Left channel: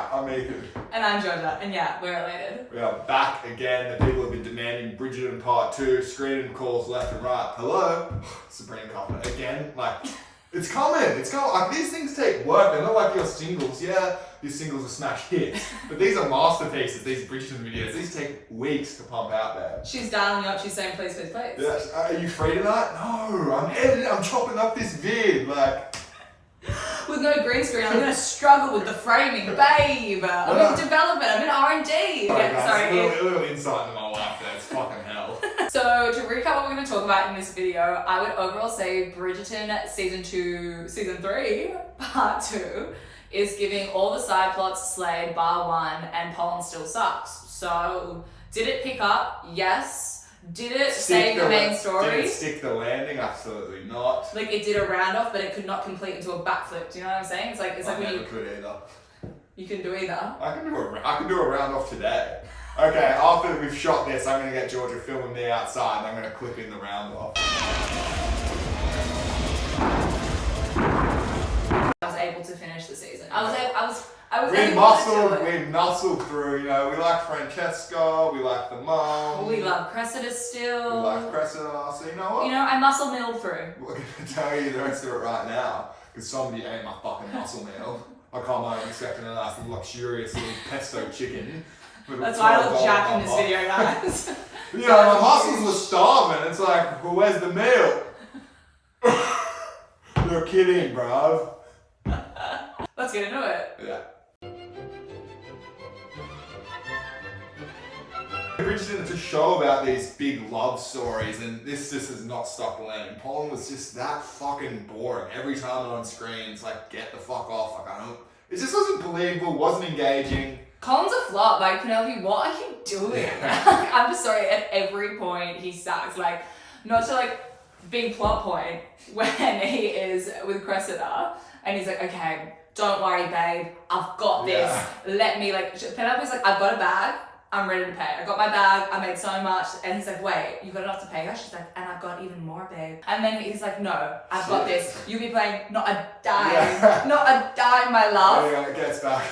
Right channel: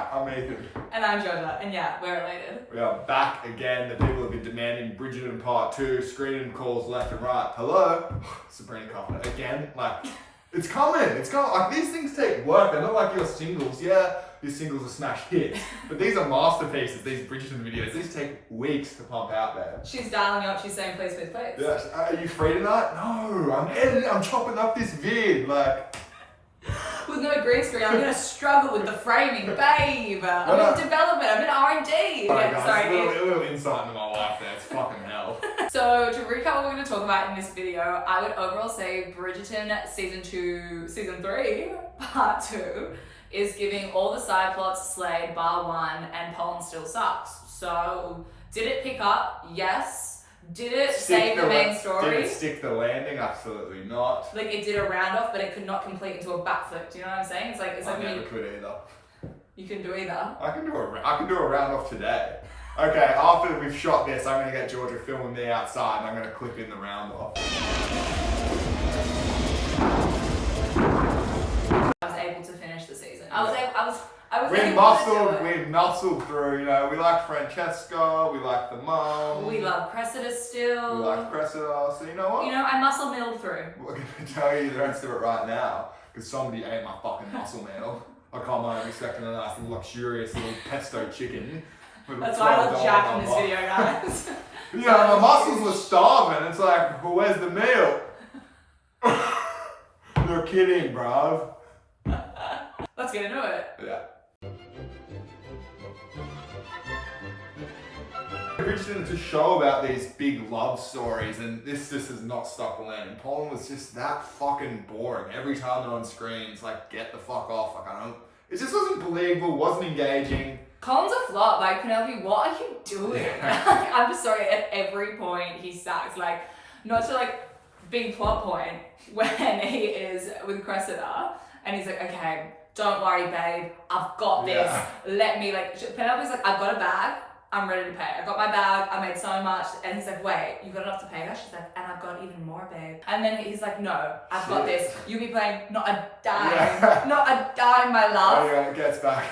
Hi, I'm Ethan. And I'm Georgia, and yeah, we're related. We are back again. The people have been demanding Bridgerton Part 2, screening calls left and right. Hello? Sabrina Carpenter. Again, it's coming. Like, these things take work. They're not like your singles. Yeah, your singles are smash hits. But these are masterpieces, these Bridgerton videos. These take weeks to pump out there. She's dialing you up, she's saying, please, please, please. Yes. Are you free tonight? No, I'm editing, I'm chopping up this vid. With no green screen, I'm gonna struggle with the framing, babe. I'm in development, I'm in R&D. Alright, guys, a little insight into my life there. It's fucking hell. So to recap what we're gonna talk about in this video, I would overall say Bridgerton season 3, part 2 is giving all the side plots slayed bar one, and Poland still sucks. So did it pick up? Yes. Did it save the main story? Did it stick the landing? Absolutely not. Like, it did a round off, but it could not complete into a backflip. Do you know what I'm saying? It's like I when never could either. You can do either. I can do a round off today. Okay, after we've shot this, I'm gonna get Georgia filming me outside, and I'm gonna clip in the round off. I was able to finish the season. We muscled through, you know, we like Francesca, we like the mum. We love Cressida still. We like Cressida, so you know what? You know, I muscle milled through. We're gonna tell you the rest of it right now, because somebody ate my fucking muscle meal. I can't mind expecting a nice luxurious little pesto chicken. That's why I look jacked in this video, guys. You know, my muscles were starving. It's like, well, where's the meal? You're kidding, bruv. Let's get into it. Yeah. Bridgerton is a show about these big love stories, and this just has not stuck the landing. Poland was just that fucking boring. Every time they're on screen, it's like, get the fuck off. It just wasn't believable, wasn't engaging. Colin's a flop. Like, Penelope, what are you doing? Yeah. I'm just sorry, at every point he sucks. Like, not to big plot point when he is with Cressida, and he's like, okay, don't worry, babe, I've got this. Yeah. Penelope's like, I've got a bag, I'm ready to pay. I got my bag, I made so much. And he's like, wait, you got enough to pay her? She's like, and I've got even more, babe. And then he's like, no, I've got this. You'll be paying not a dime. Yeah. Not a dime, my love. Anyway, it gets back.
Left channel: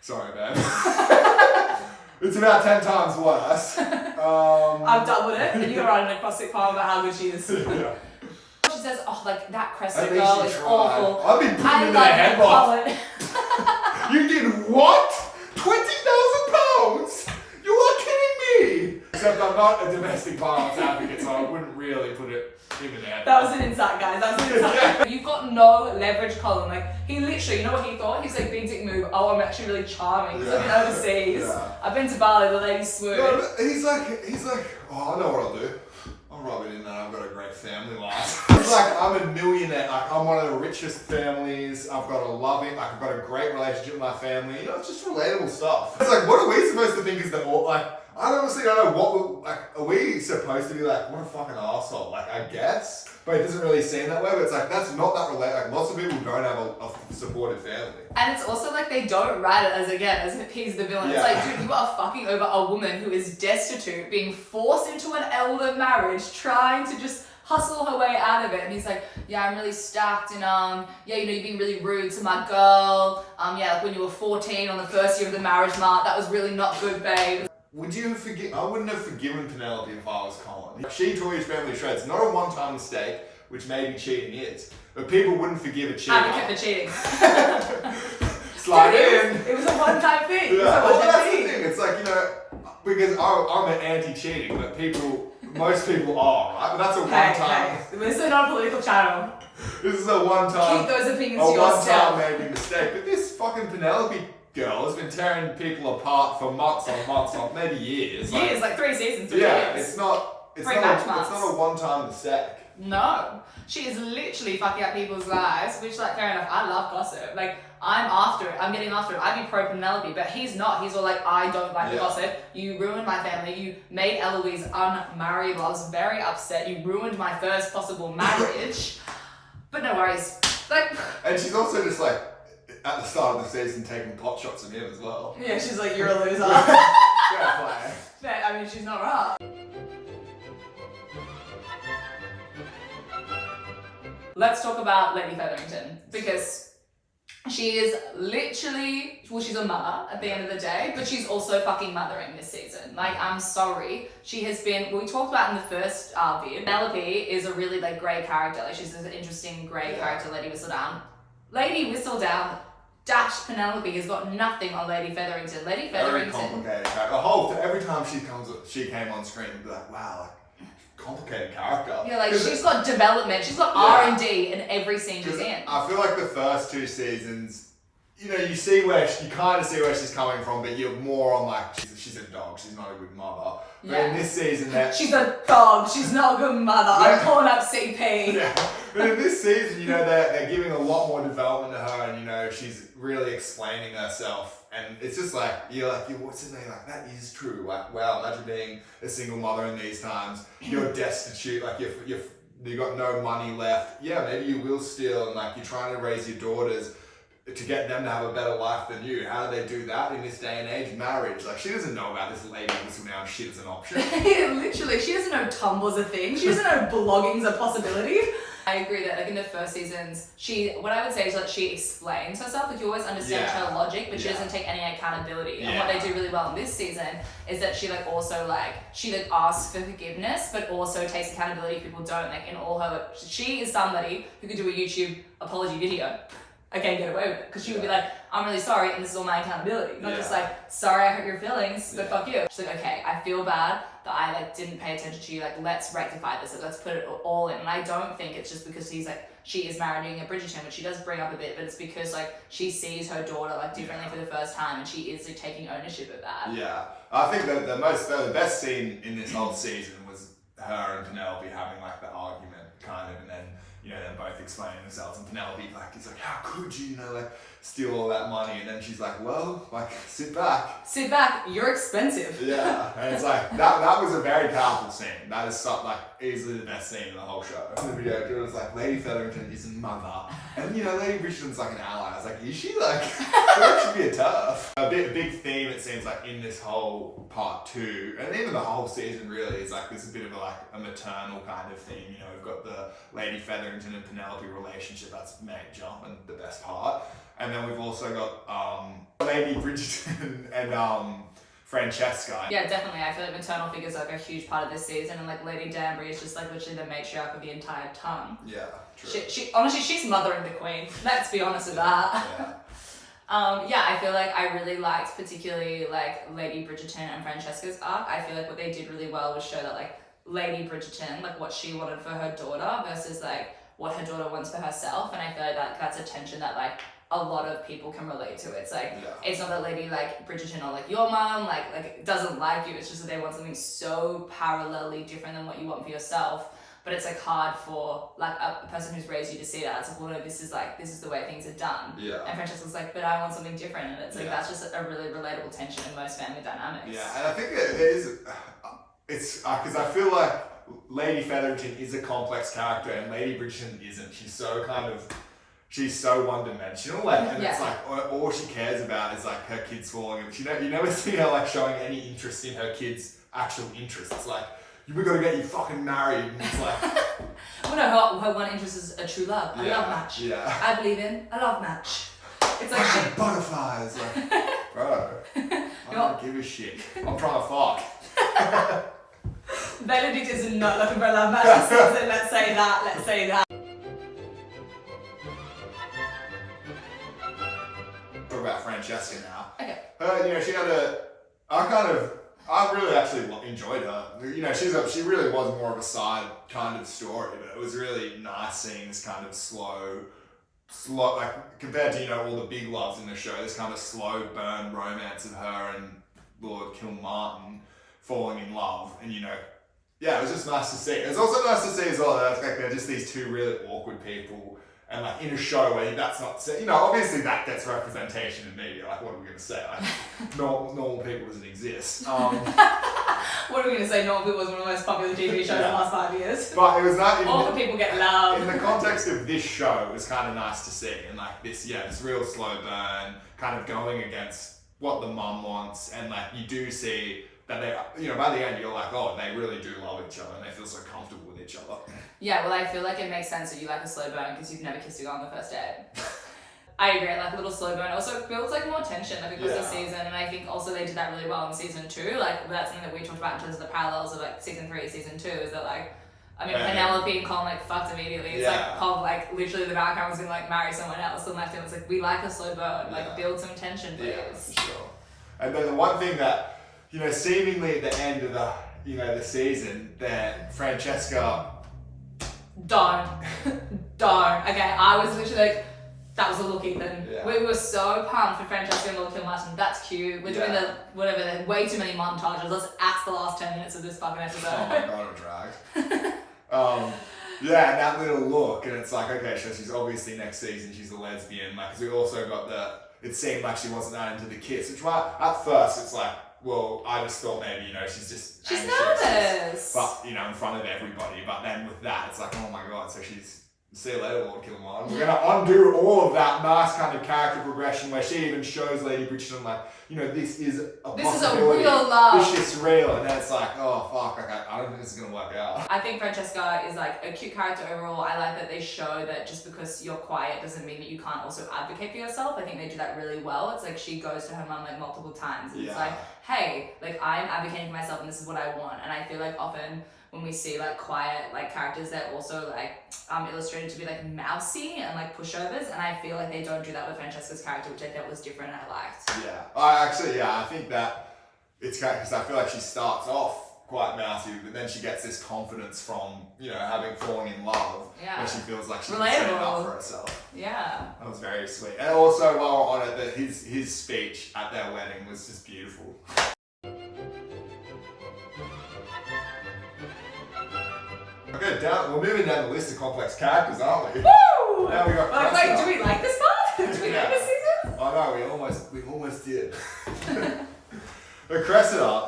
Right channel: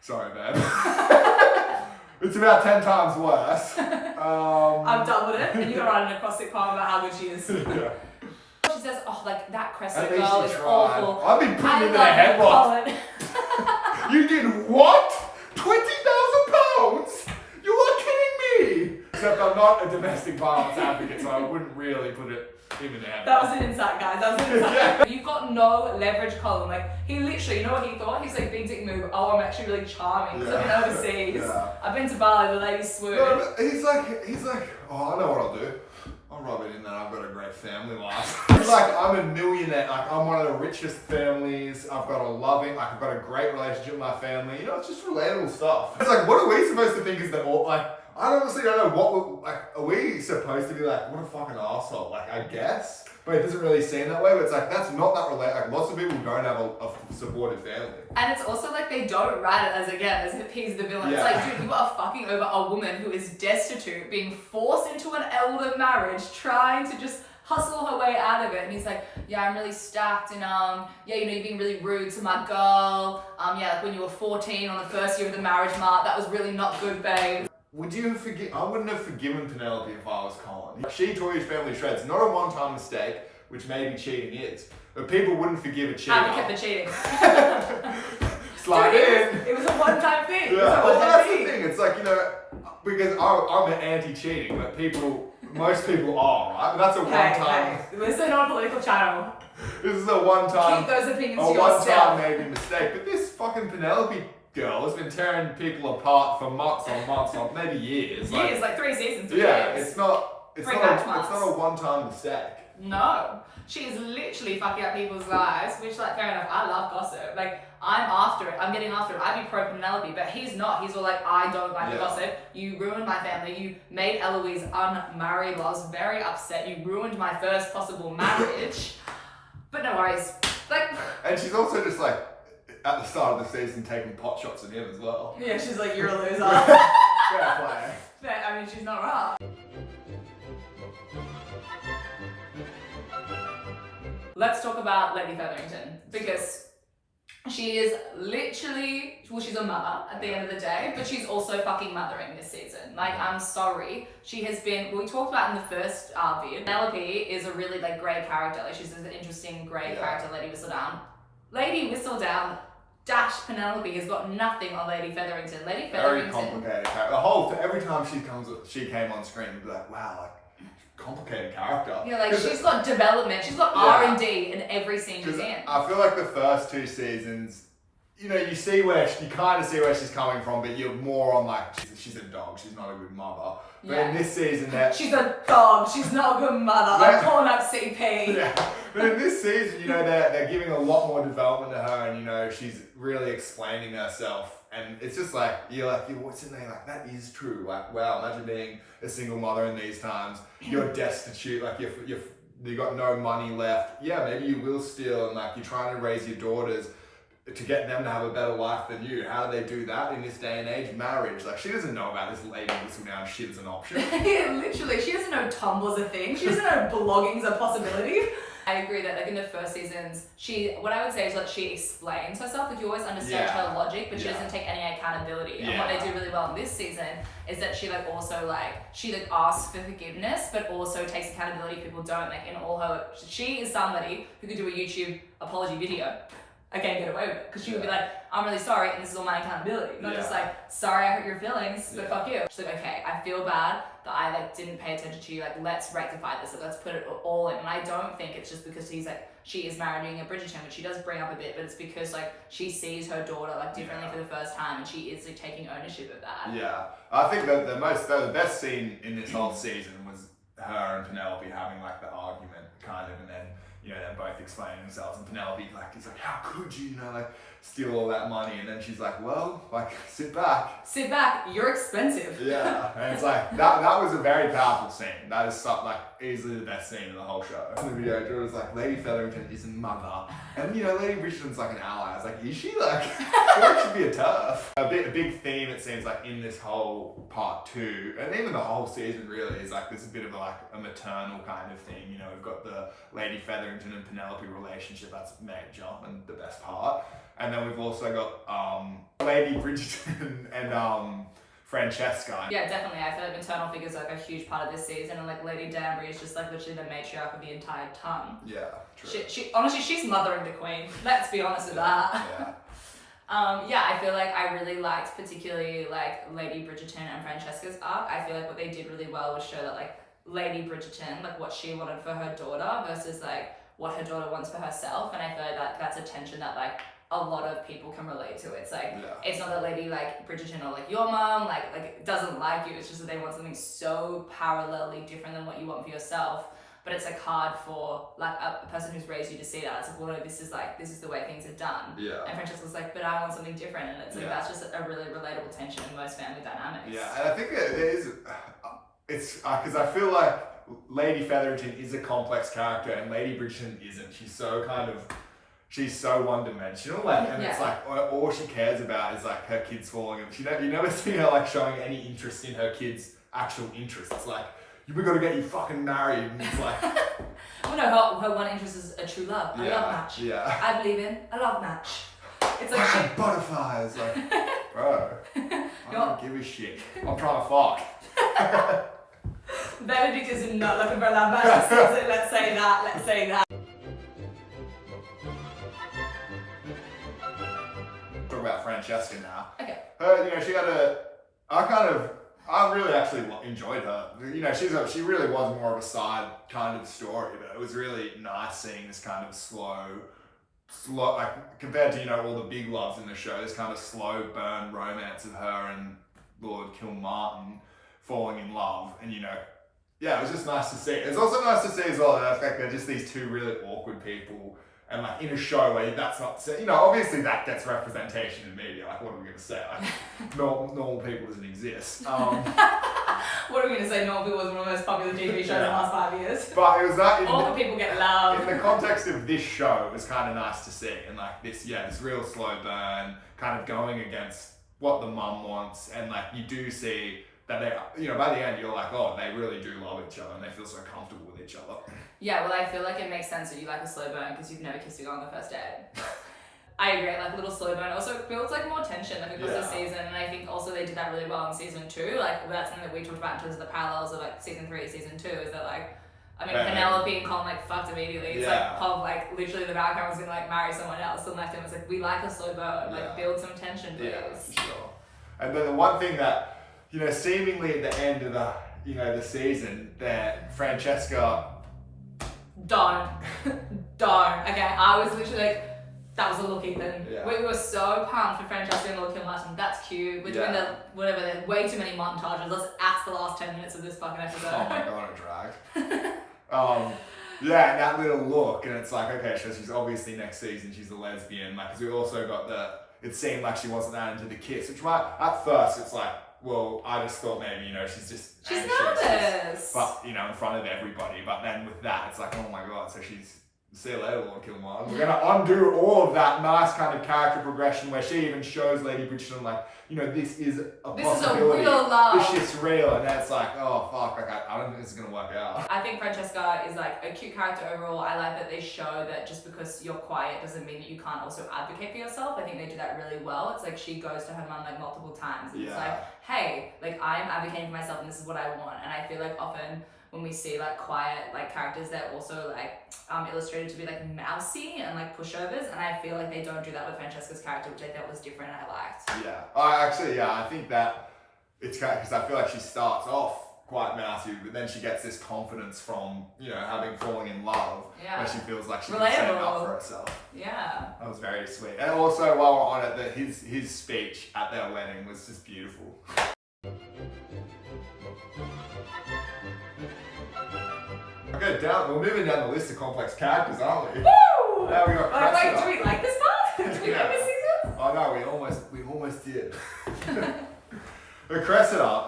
Sorry, babe. It's about 10 times worse. I've doubled it, and you're writing an acrostic poem about how good she is. Yeah. She says, oh, that Cressida girl is awful. I've been putting in their headlock. You did what? £20,000? You are kidding me! Except I'm not a domestic violence advocate, so I wouldn't really put it in the head. That was an insight, guys. That was an insight. Yeah. You've got no leverage, Colin. Like, he literally, you know what he thought? He's like, big dick move. Oh, I'm actually really charming. Because I've been overseas. Yeah. I've been to Bali, the ladies swoon. No, he's like, oh, I know what I'll do. I'll rub it in that I've got a great family life. It's like, I'm a millionaire, I'm one of the richest families, I've got I've got a great relationship with my family, you know, it's just relatable stuff. It's like, what are we supposed to think is I honestly don't know are we supposed to be like, what a fucking arsehole, I guess? But it doesn't really seem that way, but it's like, that's not that relatable, lots of people don't have a supportive family. And it's also like, they don't write it as if he's the villain. Yeah. It's like, dude, you are fucking over a woman who is destitute, being forced into an elder marriage, trying to just hustle her way out of it. And he's like, yeah, I'm really stacked, and yeah, you know, you're being really rude to my girl. Yeah, like when you were 14 on the first year of the marriage mark, that was really not good, babe. Would you forgive? I wouldn't have forgiven Penelope if I was Colin. She tore his family to shreds. Not a one-time mistake, which maybe cheating is, but people wouldn't forgive a cheater. Advocate for cheating. Slide in. It was a one-time thing. Yeah. Well, that's the thing. It's like, you know, because I'm an anti-cheating, but most people are, right? But that's a one-time. Hey, this is not a political channel. This is a one-time. Keep those opinions to yourself. A one-time maybe mistake, but this fucking Penelope girl has been tearing people apart for months on maybe years. Years, like 3 seasons. Yeah, years. it's not a one-time mistake. No. She is literally fucking up people's lives, which, fair enough, I love gossip. I'm after it. I'm getting after it. I'd be pro Penelope, but he's not. He's all like, I don't like the gossip. You ruined my family. You made Eloise unmarried. I was very upset. You ruined my first possible marriage. But no worries. And she's also just at the start of the season taking pot shots at him as well. Yeah, she's like, you're a loser. Fair play. I mean, she's not wrong. Let's talk about Lady Featherington, because She is literally, well, she's a mother at the end of the day, but she's also fucking mothering this season. Like, I'm sorry. She has been, we talked about in the first vid, Penelope is a really, like, grey character. Like, she's an interesting grey character, Lady Whistledown. Lady Whistledown dash Penelope has got nothing on Lady Featherington. Lady Featherington. Very complicated character. Every time she came on screen, you'd be like, wow, like, complicated character. Yeah, like she's got development, she's got R&D in every scene she's in. I feel like the first 2 seasons, you know, you kind of see where she's coming from, but you're more on like she's a dog, she's not a good mother. But in this season, she's a dog, she's not a good mother. I'm calling up CP. Yeah, but in this season, you know, they're giving a lot more development to her, and you know, she's really explaining herself. And it's just like, you're what's in there? Like, that is true. Like, wow, imagine being a single mother in these times. You're destitute, like you got no money left. Yeah, maybe you will steal, and like you're trying to raise your daughters to get them to have a better life than you. How do they do that in this day and age? Marriage. Like, she doesn't know about this Lady Whistledown shit as an option. Yeah, literally, she doesn't know Tumblr's a thing. She doesn't know blogging's a possibility. I agree that, like, in the first seasons, what I would say is that she explains herself. Like, you always understand her logic, but she doesn't take any accountability. And what they do really well in this season is that she, like, also, like, she, like, asks for forgiveness, but also takes accountability if people don't. Like, in all her, she is somebody who could do a YouTube apology video. I can't get away with it, because she would be like, I'm really sorry, and this is all my accountability. Not just like, sorry, I hurt your feelings, but fuck you. She's like, okay, I feel bad that I like didn't pay attention to you. Like, let's rectify this. Like, let's put it all in. And I don't think it's just because she is marrying a Bridgerton, which she does bring up a bit, but it's because like she sees her daughter like differently for the first time, and she is like taking ownership of that. Yeah, I think that the best scene in this whole season was her and Penelope having like the argument, kind of, and then, you know, them both explaining themselves, and Penelope like is like, how could you, you know, like steal all that money? And then she's like, well, like, sit back, you're expensive. Yeah, and it's like that was a very powerful scene. That is like easily the best scene in the whole show. In the video, it was like, Lady Featherington is a mother, and you know, Lady Bridgerton's like an ally. I was like, is she? Like, she should be a tough. A big theme, it seems like, in this whole part 2, and even the whole season really, is like there's a bit of a maternal kind of thing. You know, we've got the Lady Featherington and Penelope relationship, that's major and the best part. And then we've also got Lady Bridgerton and Francesca. Yeah, definitely. I feel like maternal figures are like a huge part of this season, and like Lady Danbury is just like literally the matriarch of the entire ton. Yeah, true. She honestly, she's mothering the queen. Let's be honest with that. Yeah. I feel like I really liked particularly like Lady Bridgerton and Francesca's arc. I feel like what they did really well was show that like Lady Bridgerton, like what she wanted for her daughter versus like what her daughter wants for herself, and I feel like that's a tension that like a lot of people can relate to. It's like, it's not that Lady like Bridgerton or like your mom like doesn't like you, it's just that they want something so parallelly different than what you want for yourself. But it's like hard for like a person who's raised you to see that. It's like, well, no, this is the way things are done. Yeah. And Francesca's like, but I want something different, and it's like that's just a really relatable tension in most family dynamics. Yeah, and I think it is. It's because I feel like Lady Featherington is a complex character, and Lady Bridgerton isn't. She's so one-dimensional, like, and it's like all she cares about is like her kids falling. And you never see her like showing any interest in her kids' actual interests. It's like, we gotta get you fucking married, and it's like. Well, no, her one interest is a true love, a love match. Yeah. I believe in a love match. It's like butterflies, like, bro. I don't give a shit. I'm trying to fuck. Benedict is not looking for a love match. Let's say that. Talk about Francesca now. Okay. Her, you know, she had I really actually enjoyed her. You know, she really was more of a side kind of story, but it was really nice seeing this kind of slow, like, compared to, you know, all the big loves in the show, this kind of slow burn romance of her and Lord Kilmartin falling in love. And, you know, yeah, it was just nice to see. It's also nice to see as well that they're just these two really awkward people, and like in a show where that's not, you know, obviously that gets representation in media. Like, what are we going to say? Like, normal people doesn't exist. What are we going to say? Normal People was one of the most popular TV shows in the last 5 years. But it was not. All the people get love. In the context of this show, it was kind of nice to see, and like this real slow burn, kind of going against what the mum wants, and like you do see that they, you know, by the end you're like, oh, they really do love each other, and they feel so comfortable with each other. Yeah, well, I feel like it makes sense that you like a slow burn because you've never kissed a girl on the first date. I agree, like a little slow burn also builds like more tension like across the Yeah. season, and I think also they did that really well in season 2. Like that's something that we talked about in terms of the parallels of like season 3 season 2 is that like I mean Penelope and Colin like fucked immediately. It's like Pov like literally the background was gonna like marry someone else and left him. It's like we like a slow burn, like build some tension please. Yeah, for sure. And then the one thing that, you know, seemingly at the end of the, you know, the season that Francesca Don't. Okay, I was literally like, that was a look, Ethan. Yeah. We were so pumped for Francesca and Lord Kilmartin. That's cute. We're doing the whatever. There's way too many montages. Let's axe the last 10 minutes of this fucking episode. Oh my god, it dragged. Yeah, and that little look, and it's like, okay, so she's obviously next season she's a lesbian. Like, because we also got it seemed like she wasn't that into the kiss, which at first it's like, well, I just thought maybe, you know, she's anxious, nervous. but, you know, in front of everybody. But then with that, it's like, oh my god, so she's, see you later, Lord Kilmartin. We're going to undo all of that nice kind of character progression where she even shows Lady Bridgerton, like, you know, this is a possibility. This is a real love. This is real. And then it's like, oh, fuck, like, I don't think this is going to work out. I think Francesca is like a cute character overall. I like that they show that just because you're quiet doesn't mean that you can't also advocate for yourself. I think they do that really well. It's like she goes to her mum like multiple times. And it's like, hey, like I'm advocating for myself and this is what I want. And I feel like often when we see like quiet like characters, they're also like illustrated to be like mousy and like pushovers, and I feel like they don't do that with Francesca's character, which I thought was different and I liked. I think that it's kind of, because I feel like she starts off quite mousy, but then she gets this confidence from, you know, having fallen in love, where she feels like she can stand up for herself. Yeah. That was very sweet. And also, while we're on it, his speech at their wedding was just beautiful. Okay, we're moving down the list of complex characters, aren't we? Woo! Now we got Cressida. Like, do we like this part? Do we like this season? Oh no, we almost did. But Cressida,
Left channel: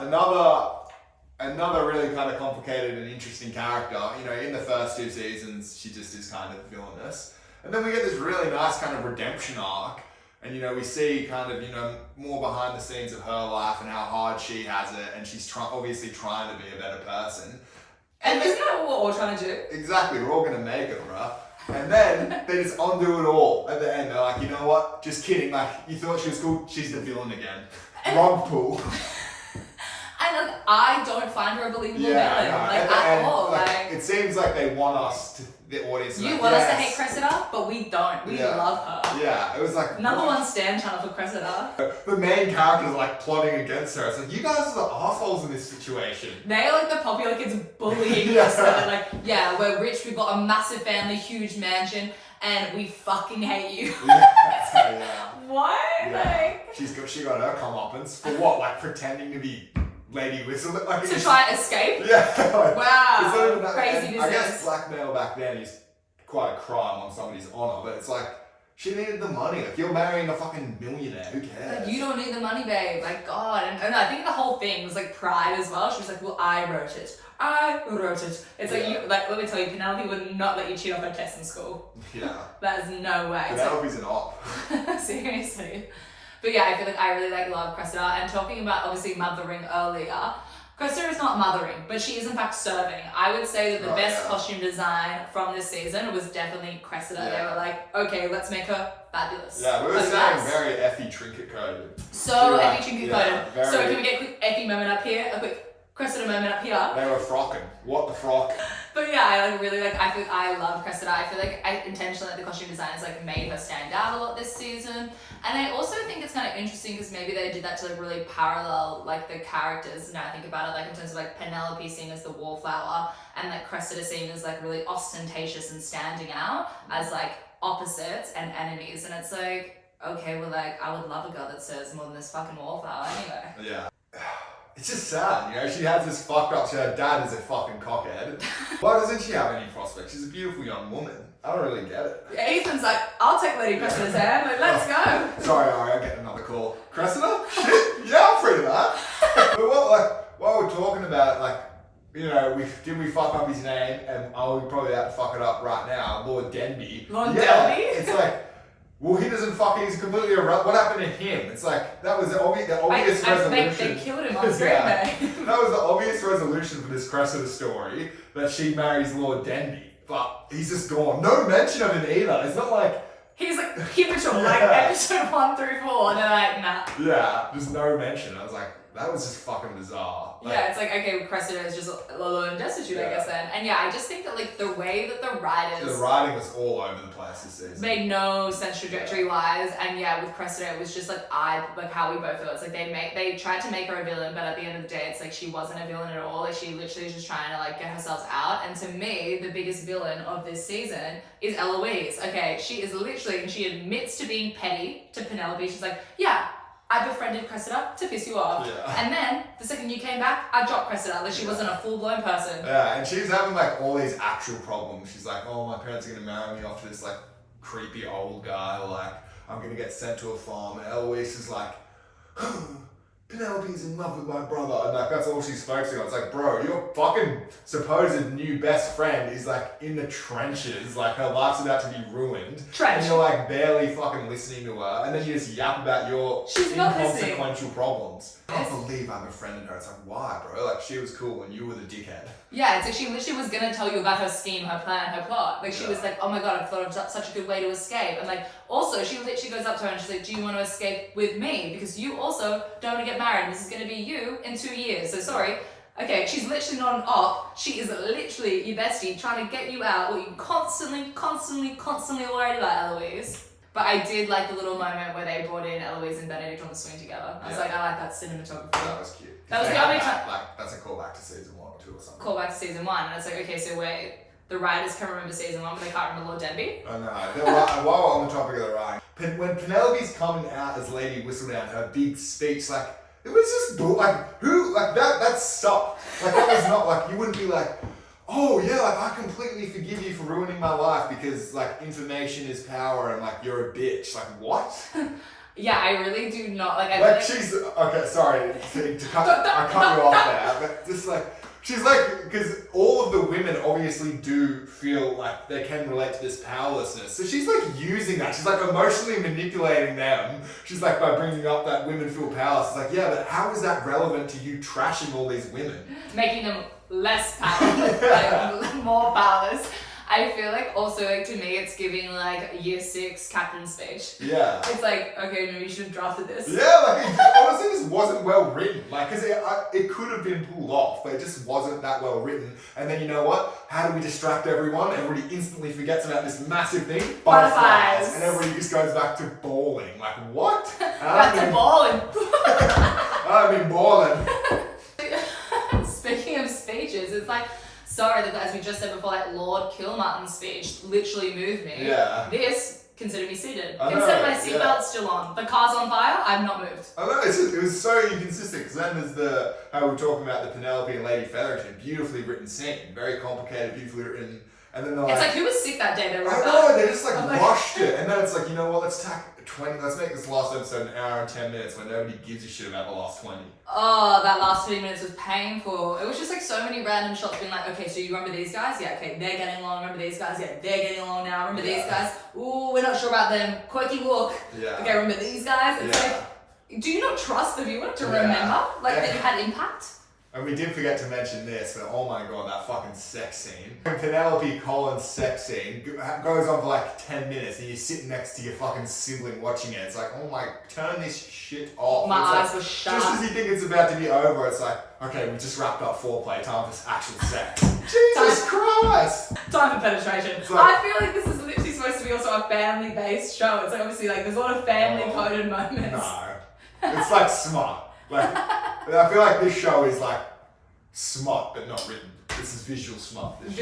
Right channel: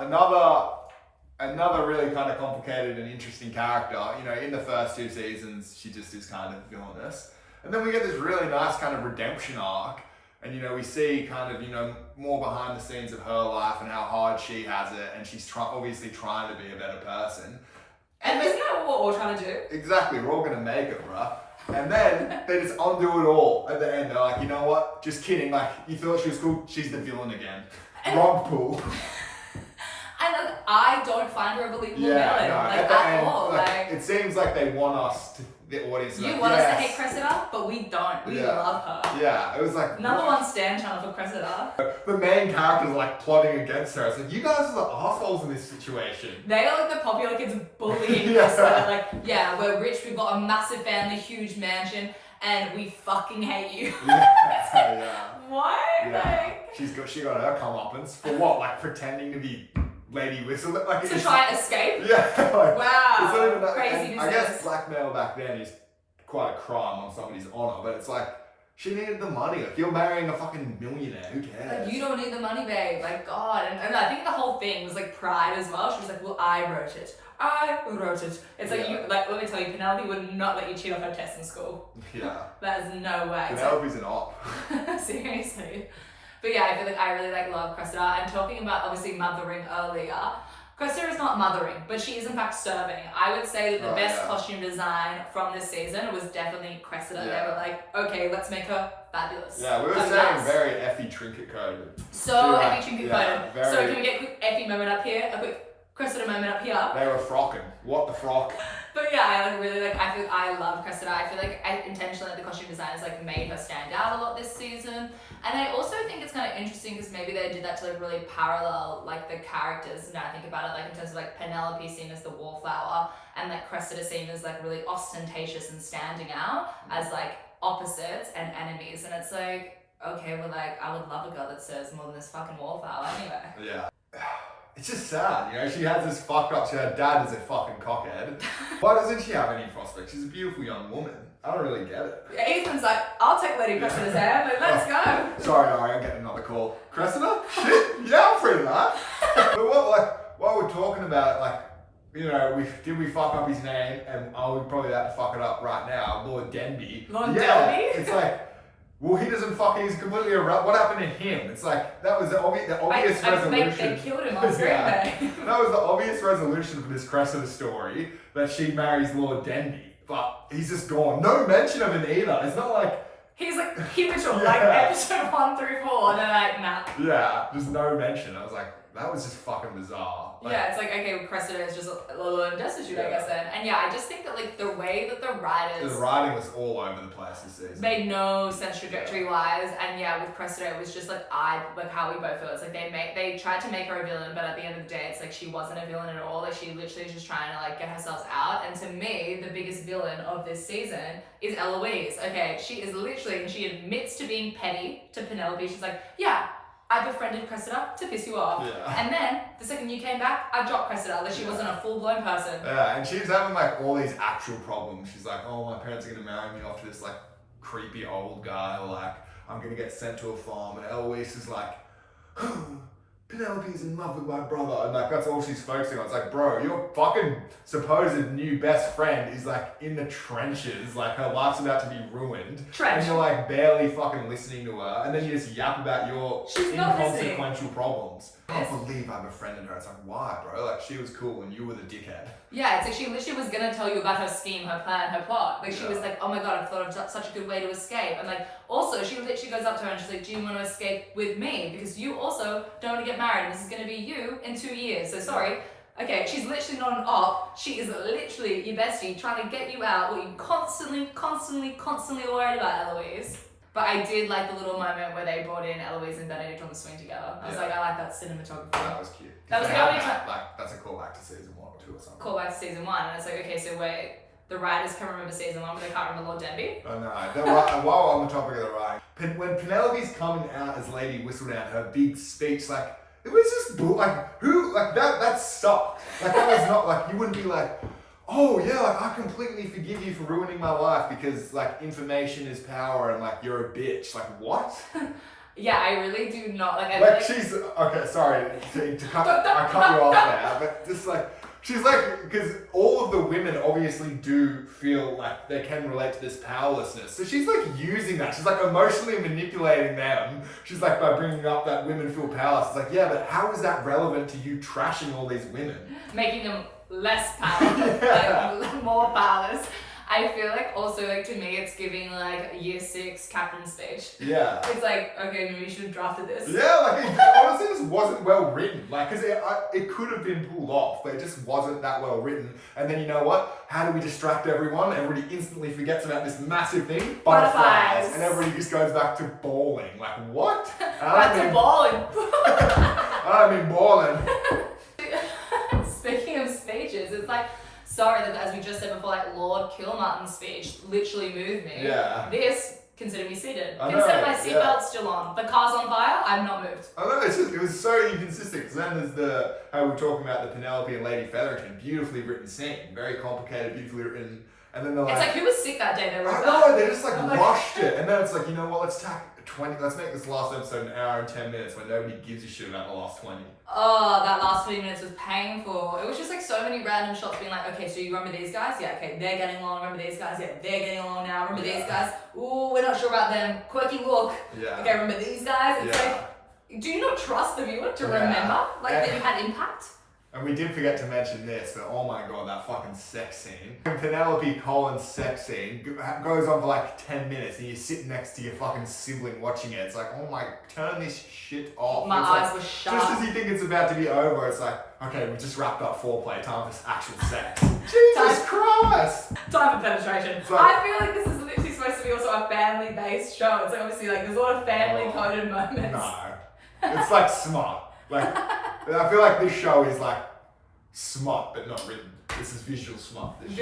another really kind of complicated and interesting character. You know, in the first 2 seasons, she just is kind of villainous. And then we get this really nice kind of redemption arc. And, you know, we see kind of, you know, more behind the scenes of her life and how hard she has it. And she's obviously trying to be a better person. And isn't that what we're all trying to do? Exactly, we're all gonna make it, bruh. And then they just undo it all at the end. They're like, you know what? Just kidding. Like, you thought she was cool, she's the villain again. Wrong pool. And like, I don't find her a believable villain, like at all. Like, it seems like they want us to, the audience. You want us to hate Cressida, but we don't. We love her. Yeah, it was like number one stan channel for Cressida. The main characters are like plotting against her. It's like, you guys are the assholes in this situation. They are like the popular kids bullying Cressida. Like, yeah, we're rich, we've got a massive family, huge mansion, and we fucking hate you. What? Yeah. She got her comeuppance for what? Like pretending to be Lady Whistle, like to try and escape. Yeah. Like, wow. Crazy business. I guess blackmail back then is quite a crime on somebody's honor, but it's like she needed the money. Like, you're marrying a fucking millionaire. Who cares? Like, you don't need the money, babe. Like, God. And I think the whole thing was like pride as well. She was like, well, I wrote it. It's like, you, like, let me tell you, Penelope would not let you cheat on her tests in school. Yeah. That is no way. Penelope's an op. Seriously. But yeah, I feel like I really like love Cressida. And talking about obviously mothering earlier, Cressida is not mothering, but she is in fact serving. I would say that the best costume design from this season was definitely Cressida. Yeah. They were like, okay, let's make her fabulous. Yeah, we were saying very Effie trinket coded. So Effie trinket coded. Very... So can we get a quick Effie moment up here? A quick Cressida moment up here. They were frocking. What the frock? But yeah, I like really like. I love Cressida. I feel like intentionally the costume designers like made her stand out a lot this season, and I also think it's kind of interesting because maybe they did that to like really parallel like the characters. Now I think about it, like in terms of like Penelope seen as the wallflower, and like Cressida seen as like really ostentatious and standing out as like opposites and enemies. And it's like, okay, well, like I would love a girl that serves more than this fucking wallflower anyway. Yeah. It's just sad, you know, she has this fucked up, her dad is a fucking cockhead. Why doesn't she have any prospects? She's a beautiful young woman. I don't really get it. Yeah, Ethan's like, I'll take Lady Cressida's hand, like, let's go. Sorry, Ari, I'm getting another call. Cressida? Shit, yeah, I'm free to that. But while we're talking about it, like, you know, did we fuck up his name? And we're probably about to fuck it up right now, Lord Denby. Lord Denby? It's like, well, he doesn't fuck, he's completely irrelevant. What happened to him? It's like, that was the obvious resolution. They killed him on screen, That was the obvious resolution for this Cressida story, that she marries Lord Denby. But he's just gone. No mention of him either. It's not like He's like pivotal, like episode 1 through 4, and they're like, nah. Yeah, just no mention. I was like, that was just fucking bizarre. Like, yeah, it's like, okay, Cressida is just alone and destitute, I guess then. And yeah, I just think that like the way that the writers... The writing was all over the place this season. Made no sense trajectory-wise, and yeah, with Cressida, it was just like how we both feel. It's like they tried to make her a villain, but at the end of the day, it's like she wasn't a villain at all. Like she literally is just trying to like get herself out. And to me, the biggest villain of this season is Eloise. Okay, she is literally, she admits to being petty to Penelope. She's like, yeah, I befriended Cressida to piss you off. Yeah. And then, the second you came back, I dropped Cressida. Like, she wasn't a full-blown person. Yeah, and she's having, like, all these actual problems. She's like, oh, my parents are going to marry me off to this, like, creepy old guy. Or, like, I'm going to get sent to a farm. And Eloise is like, Penelope's in love with my brother. And, like, that's all she's focusing on. It's like, bro, your fucking supposed new best friend is, like, in the trenches. Like, her life's about to be ruined. And you're, like, barely fucking listening to her. And then you just yap about your inconsequential problems. I can't believe I befriended her. It's like, why, bro? Like, she was cool and you were the dickhead. Yeah, it's like she literally was gonna tell you about her scheme, her plan, her plot. Like, she was like, oh my god, I've thought of such a good way to escape. And, like, also, she literally goes up to her and she's like, do you want to escape with me? Because you also don't want to get married. And this is going to be you in 2 years. So, sorry. Okay, she's literally not an op. She is literally your bestie trying to get you out. What you constantly worried about, Eloise. But I did like the little moment where they brought in Eloise and Benedict on the swing together. I was like, I like that cinematography. That was cute. That was the only time. Like, that's a callback to season 1 or 2 or something. Callback to season 1. And it's like, okay, so wait, the writers can remember season 1, but they can't remember Lord Denby? I know. While we're on the topic of the writing, when Penelope's coming out as Lady Whistledown, her big speech, like, it was just, like, who, like, that sucked. Like, that was not, like, you wouldn't be like, oh yeah, like, I completely forgive you for ruining my life because, like, information is power and, like, you're a bitch. Like, what? Yeah, I really do not, like, like, she's, okay, sorry, to cut, I cut you off there, but just, like, she's like, because all of the women obviously do feel like they can relate to this powerlessness. So she's like using that. She's like emotionally manipulating them. She's like, by bringing up that women feel powerless. It's like, yeah, but how is that relevant to you trashing all these women? Making them less powerless, like, more powerless. I feel like also, like, to me, it's giving, like, year 6 captain speech. Yeah. It's like, okay, maybe you should have drafted this. Yeah, like, it honestly just wasn't well written. Like, because it could have been pulled off, but it just wasn't that well written. And then, you know what? How do we distract everyone? Everybody instantly forgets about this massive thing. Butterflies. And everybody just goes back to bowling. Like, what? Back to bowling. I mean bowling. Speaking of speeches, it's like, sorry that, as we just said before, like, Lord Kilmartin's speech literally moved me. Yeah. This, consider me seated. Consider my seatbelt still on. The car's on fire, I've not moved. I know, it was so inconsistent, because then there's how we were talking about the Penelope and Lady Featherington, beautifully written scene, very complicated, beautifully written, and then they're like... It's like, who was sick that day they wrote I know, they just like rushed it, and then it's like, you know what, let's make this last episode an hour and 10 minutes when nobody gives a shit about the last 20. Oh, that last 20 minutes was painful. It was just like so many random shots being like, okay, so you remember these guys? Yeah, okay, they're getting along. Remember these guys? Yeah, they're getting along now. Remember these guys? Ooh, we're not sure about them. Quirky look. Yeah. Okay, remember these guys? It's like, do you not trust the viewer to remember that you had impact? And we did forget to mention this, but oh my god, that fucking sex scene. Penelope Collins' sex scene goes on for like 10 minutes and you're sitting next to your fucking sibling watching it. It's like, oh my, turn this shit off. My eyes like, were shut. Just as you think it's about to be over, it's like, okay, we just wrapped up foreplay, time for actual sex. Jesus Christ! Time for penetration. Like, I feel like this is literally supposed to be also a family-based show. It's like, obviously, like, there's a lot of family-coded moments. No. It's like smart. Like, I feel like this show is like smart but not written. This is visual smart. This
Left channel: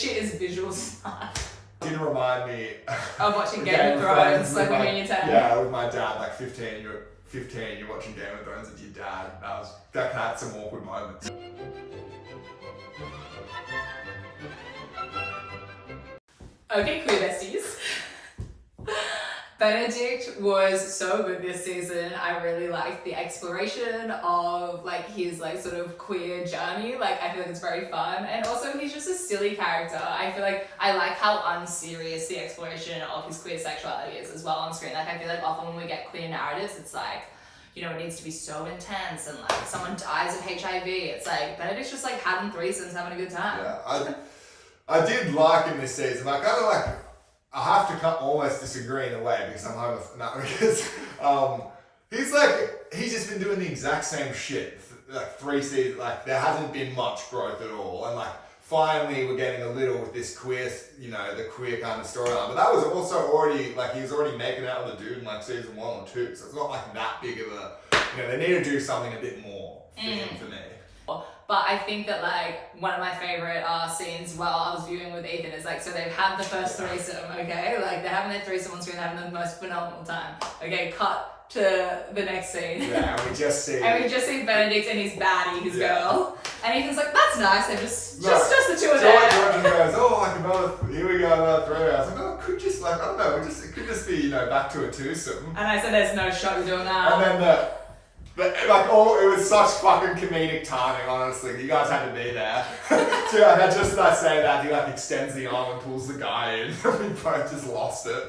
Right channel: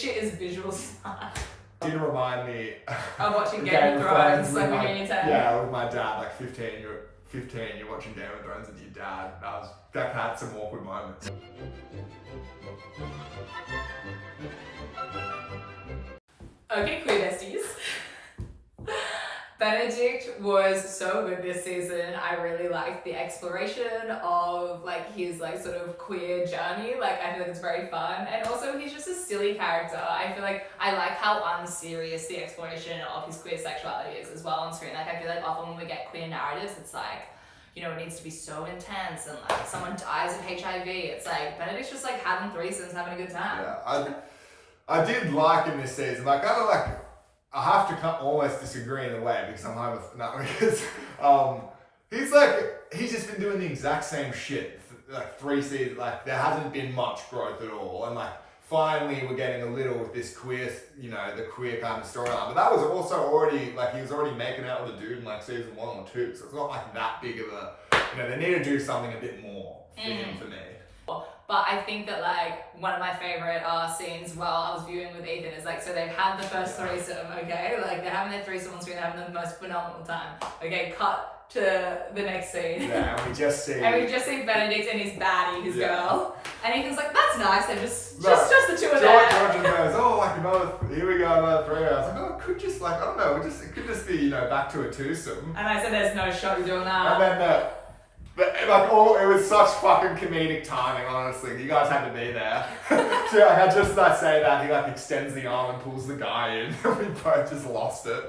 shit is visual smart. Didn't remind me of watching Game of Thrones like when you're in your 10. Yeah, with my dad, like 15, you're watching Game of Thrones with your dad. That had some awkward moments. Okay, queer besties. Benedict was so good this season. I really liked the exploration of like his like sort of queer journey. Like I feel like it's very fun, and also he's just a silly character. I feel like I like how unserious the exploration of his queer sexuality is as well on screen. Like I feel like often when we get queer narratives, it's like, you know, it needs to be so intense and like someone dies of HIV. It's like Benedict's just like having threesomes, having a good time. Yeah, I did like him this season. Like I don't like. I have to almost disagree in a way because he's just been doing the exact same shit like 3 seasons. Like there hasn't been much growth at all, and like finally we're getting a little with this queer, the queer kind of storyline. But that was also already like he was already making out with a dude in like season 1 or 2, so it's not like that big of a. They need to do something a bit more for him for me. But I think that like one of my favorite scenes while I was viewing with Ethan is like, so they've had the first threesome, okay? Like they're having their threesome on screen, having the most phenomenal time. Okay, cut to the next scene. Yeah, and we just see Benedict and his baddie, his girl. And Ethan's like, that's nice, they're just the two of them. George goes, oh, like here we go, another 3 hours. Like, it could just like, I don't know, it could just be, back to a twosome. And I said, there's no shot you're doing that. And then it was such fucking comedic timing, honestly. You guys had to be there. So I just say that, he like extends the arm and pulls the guy in. We both just lost it.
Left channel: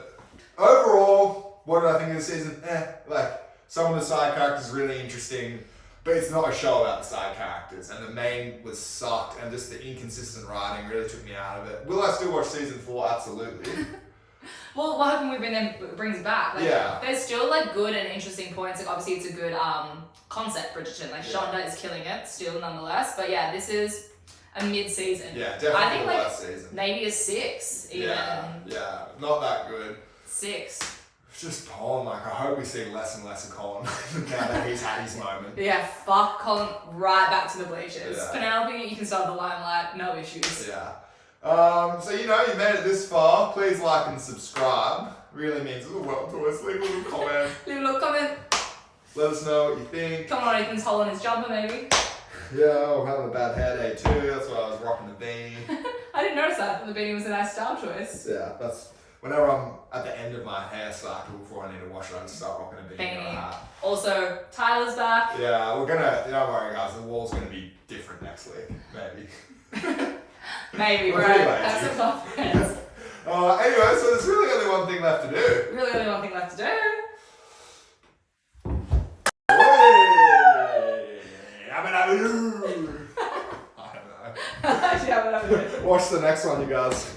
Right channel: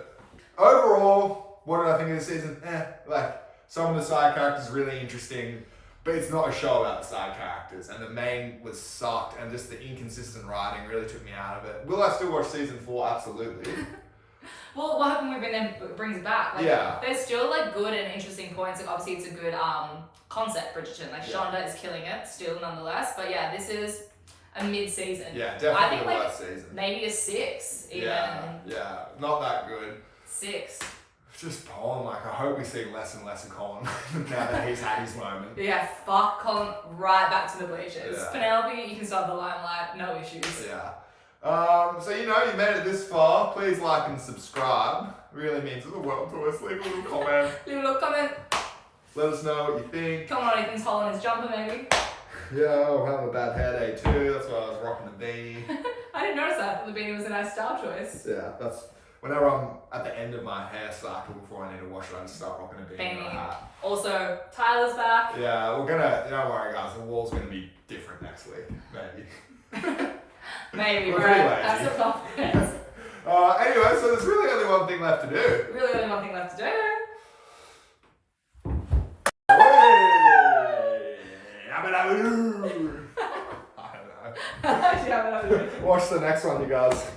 Overall, what did I think of the season? Like, some of the side characters really interesting, but it's not a show about the side characters. And the main was sucked, and just the inconsistent writing really took me out of it. Will I still watch season 4? Absolutely. Well, what happened when brings it back? Like, there's still like good and interesting points. Like obviously it's a good concept, Bridgerton. Like Shonda is killing it still nonetheless. But yeah, this is a mid-season. Yeah, definitely I think the like last season. Maybe a 6 even. Yeah, not that good. 6. Just Colin, like I hope we see less and less of Colin now that he's had his moment. Yeah, fuck Colin right back to the bleachers. Yeah. Penelope, you can start the limelight, no issues. Yeah. So you made it this far. Please like and subscribe. It really means the world to us. Leave a little comment. Leave a little comment. Let us know what you think. Comment on Ethan's hole in his jumper, maybe. Yeah, I'm having a bad hair day too. That's why I was rocking the beanie. I didn't notice that. I thought the beanie was a nice style choice. Yeah, that's whenever I'm at the end of my hair cycle before I need to wash it, I just start rocking a beanie. And a hat. Also, Tyler's back. Yeah, we're gonna. Don't worry, guys. The wall's gonna be different next week, maybe. Maybe, bro. Have some confidence. Anyway, so there's really only one thing left to do. Really only one thing left to do. I don't know. Watch the next one, you guys.